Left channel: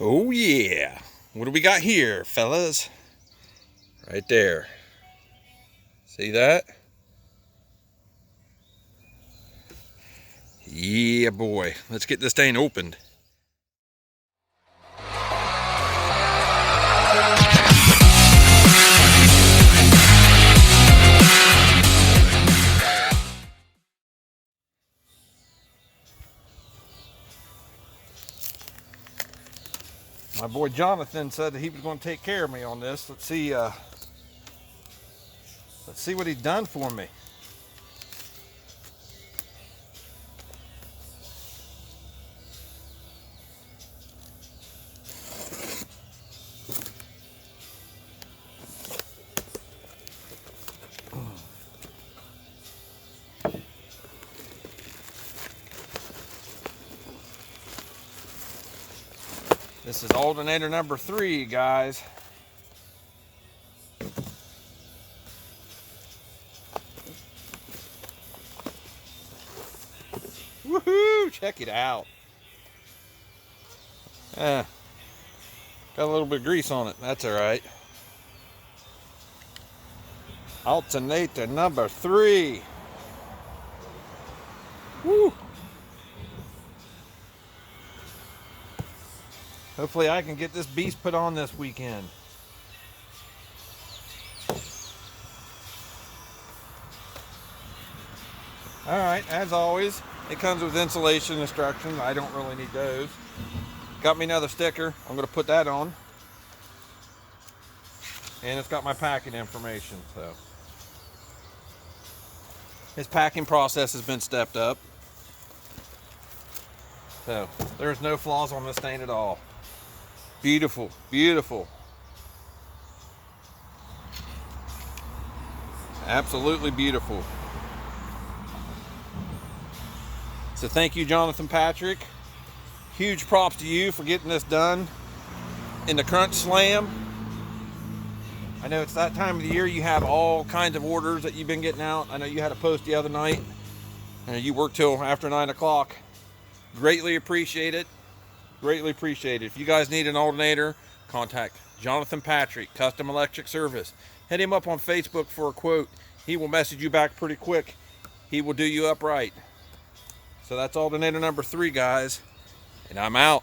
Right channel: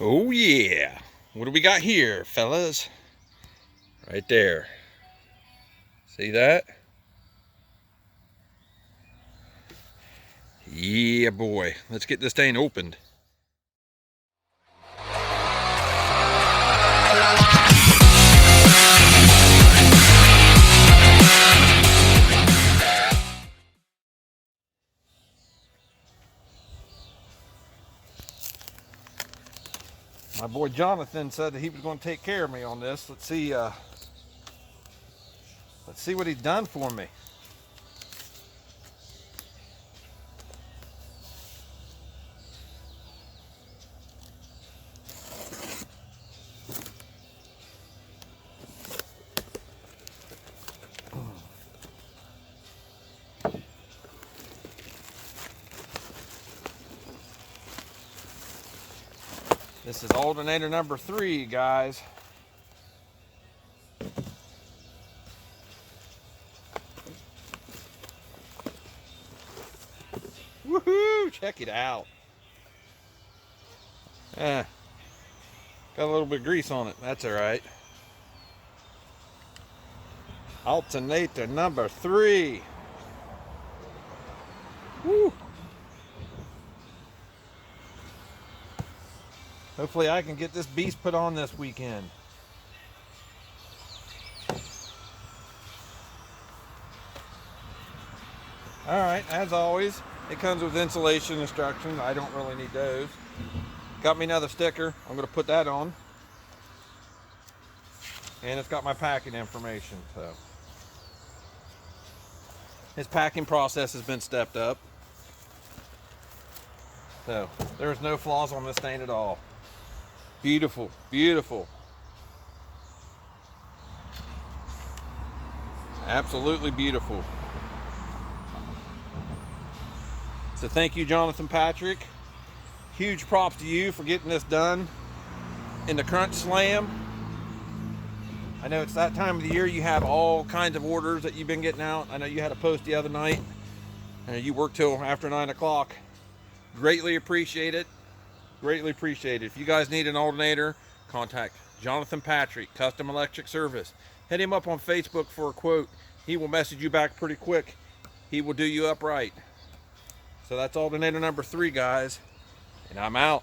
Oh yeah. What do we got here, fellas? Right there. See that? Yeah, boy. Let's get this thing opened. My boy Jonathan said that he was going to take care of me on this. Let's see what he's done for me. This is alternator number 3, guys. Woohoo! Check it out. Got a little bit of grease on it. That's all right. Alternator number 3. Woo! Hopefully I can get this beast put on this weekend. Alright, as always, it comes with insulation instructions. I don't really need those. Got me another sticker. I'm going to put that on. And it's got my packing information. So his packing process has been stepped up. So there's no flaws on this thing at all. Beautiful, beautiful. Absolutely beautiful. So thank you, Jonathan Patrick. Huge props to you for getting this done in the Crunch Slam. I know it's that time of the year. You have all kinds of orders that you've been getting out. I know you had a post the other night. You worked till after 9 o'clock. Greatly appreciate it. Greatly appreciate it. If you guys need an alternator, contact Jonathan Patrick, Custom Electric Service. Hit him up on Facebook for a quote. He will message you back pretty quick. He will do you up right. So that's alternator number 3, guys. And I'm out.